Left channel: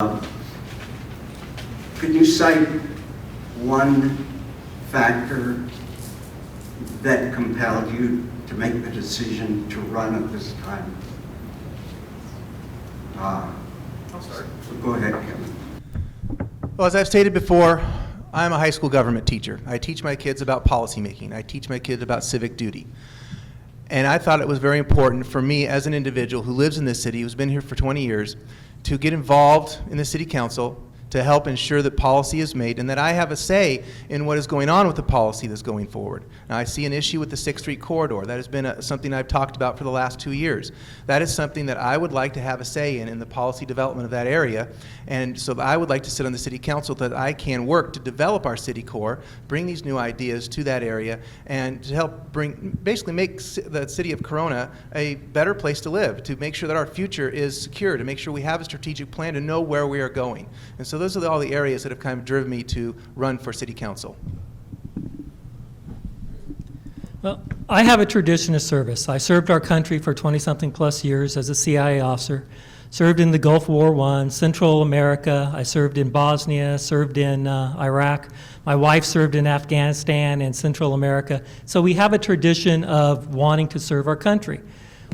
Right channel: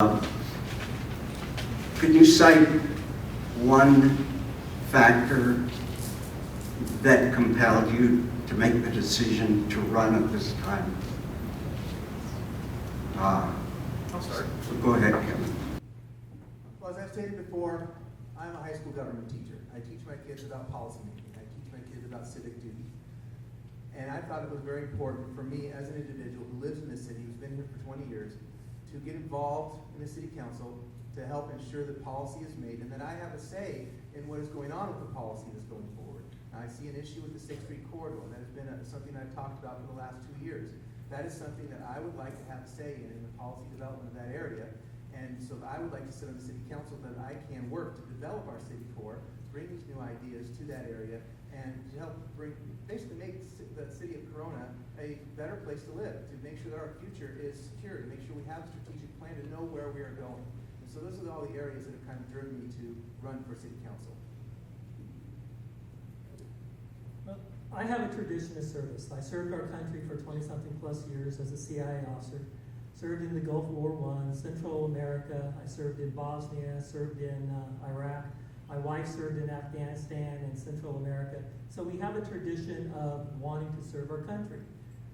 Could you cite one factor that compelled you to make the decision to run at this time? I'll start. Go ahead, Kevin. Well, as I've stated before, I'm a high school government teacher. I teach my kids about policymaking. I teach my kids about civic duty. And I thought it was very important for me as an individual who lives in this city, who's been here for 20 years, to get involved in the city council to help ensure that policy is made and that I have a say in what is going on with the policy that's going forward. Now, I see an issue with the 6th Street corridor. That has been something I've talked about for the last 2 years. That is something that I would like to have a say in the policy development of that area. And so I would like to sit on the city council so that I can work to develop our city core, bring these new ideas to that area, and to help basically make the city of Corona a better place to live, to make sure that our future is secure, to make sure we have a strategic plan to know where we are going. And so those are all the areas that have kind of driven me to run for city council. Well, I have a tradition of service. I served our country for 20-something plus years as a CIA officer, served in the Gulf War I, Central America. I served in Bosnia, served in Iraq. My wife served in Afghanistan and Central America. So we have a tradition of wanting to serve our country.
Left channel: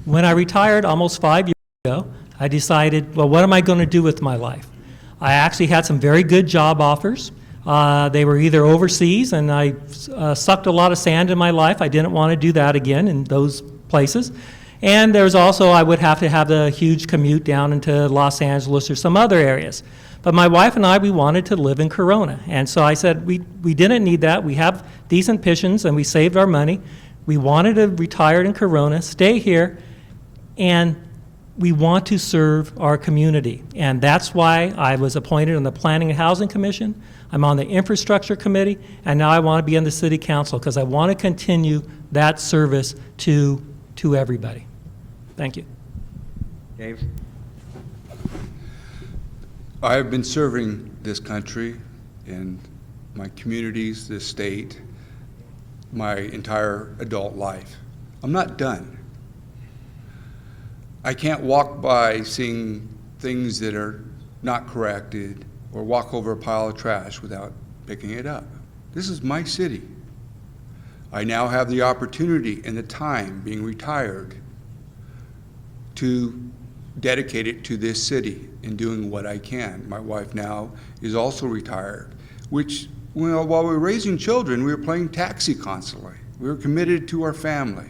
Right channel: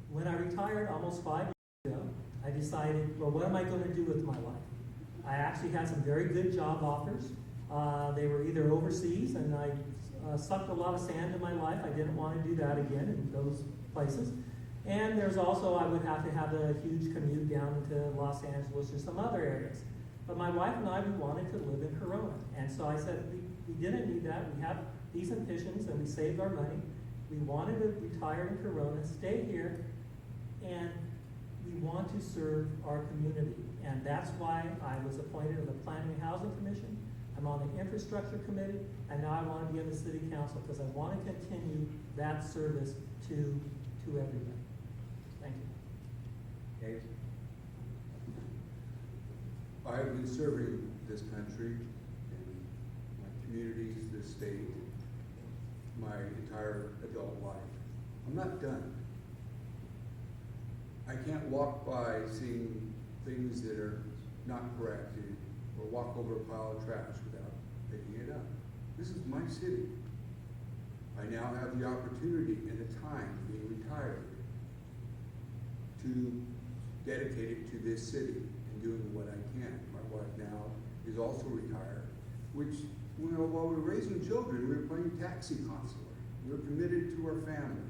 When I retired almost 5 years ago, I decided, well, what am I going to do with my life? I actually had some very good job offers. They were either overseas, and I sucked a lot of sand in my life. I didn't want to do that again in those places. And there's also, I would have to have the huge commute down into Los Angeles or some other areas. But my wife and I, we wanted to live in Corona. And so I said, we didn't need that. We have decent pensions, and we saved our money. We wanted to retire in Corona, stay here, and we want to serve our community. And that's why I was appointed on the Planning and Housing Commission. I'm on the Infrastructure Committee, and now I want to be on the City Council because I want to continue that service to everybody. Thank you. Dave? I have been serving this country and my communities, this state, my entire adult life. I'm not done. I can't walk by seeing things that are not corrected or walk over a pile of trash without picking it up. This is my city. I now have the opportunity and the time, being retired, to dedicate it to this city and doing what I can. My wife now is also retired, which, well, while we were raising children, we were playing taxi constantly. We were committed to our family.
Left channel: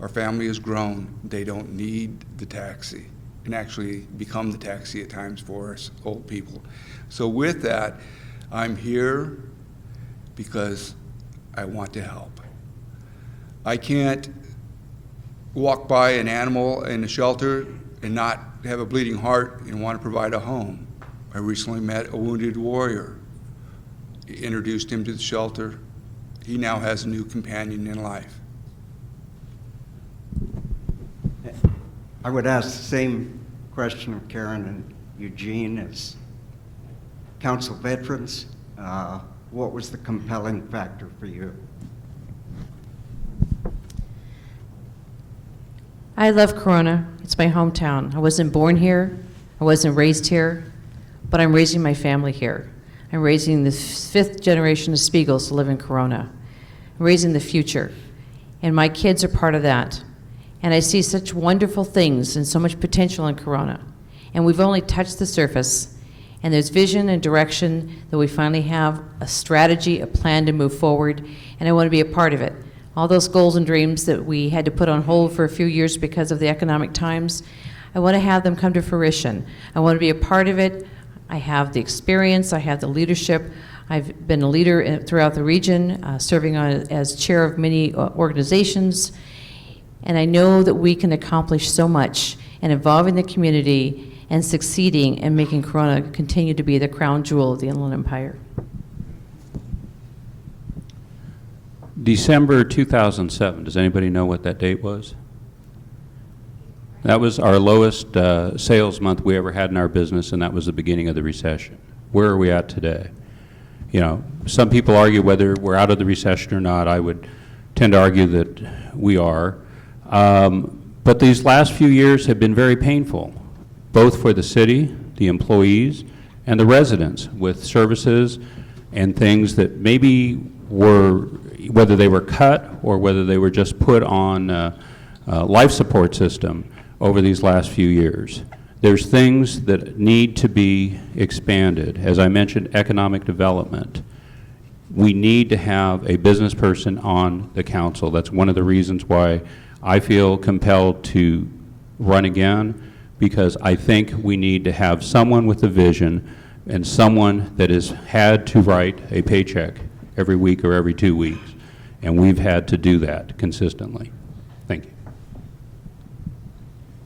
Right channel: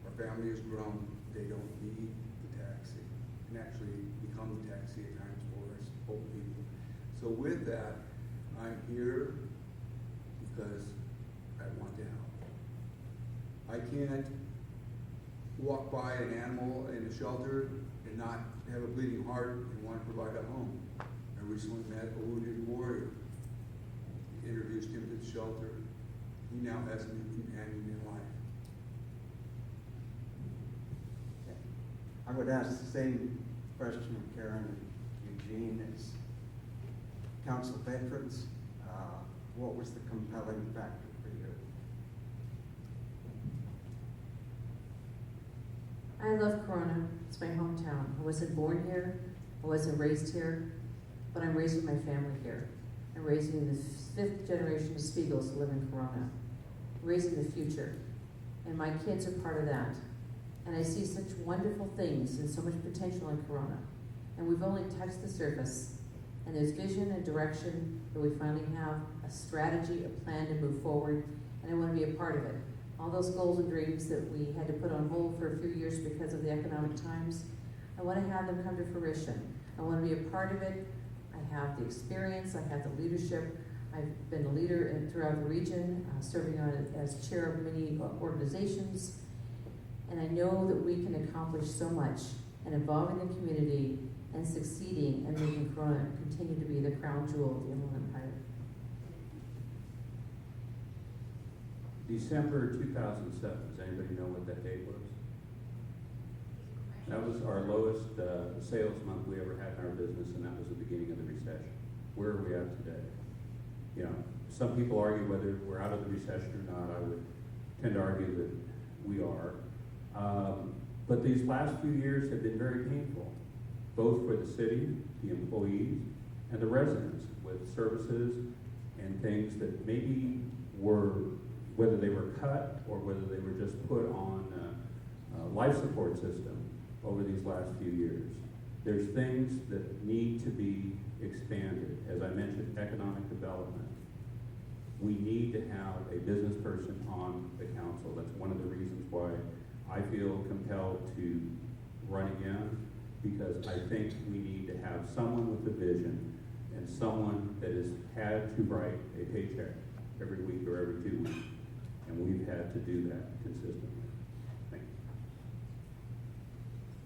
Our family has grown. They don't need the taxi and actually become the taxi at times for us old people. So with that, I'm here because I want to help. I can't walk by an animal in a shelter and not have a bleeding heart and want to provide a home. I recently met a wounded warrior, introduced him to the shelter. He now has a new companion in life. I would ask the same question of Karen and Eugene as council veterans. What was the compelling factor for you? I love Corona. It's my hometown. I wasn't born here. I wasn't raised here, but I'm raising my family here. I'm raising the 5th generation of Spiegels to live in Corona. I'm raising the future, and my kids are part of that. And I see such wonderful things and so much potential in Corona. And we've only touched the surface, and there's vision and direction that we finally have a strategy, a plan to move forward, and I want to be a part of it. All those goals and dreams that we had to put on hold for a few years because of the economic times, I want to have them come to fruition. I want to be a part of it. I have the experience, I have the leadership. I've been a leader throughout the region, serving as chair of many organizations, and I know that we can accomplish so much in involving the community and succeeding and making Corona continue to be the crown jewel of the Inland Empire. December 2007, does anybody know what that date was? That was our lowest sales month we ever had in our business, and that was the beginning of the recession. Where are we at today? You know, some people argue whether we're out of the recession or not. I would tend to argue that we are. But these last few years have been very painful, both for the city the employees and the residents with services and things that maybe were, whether they were cut or whether they were just put on life support system over these last few years. There's things that need to be expanded. As I mentioned, economic development. We need to have a business person on the council. That's one of the reasons why I feel compelled to run again, because I think we need to have someone with a vision and someone that has had to write a paycheck every week or every 2 weeks. And we've had to do that consistently.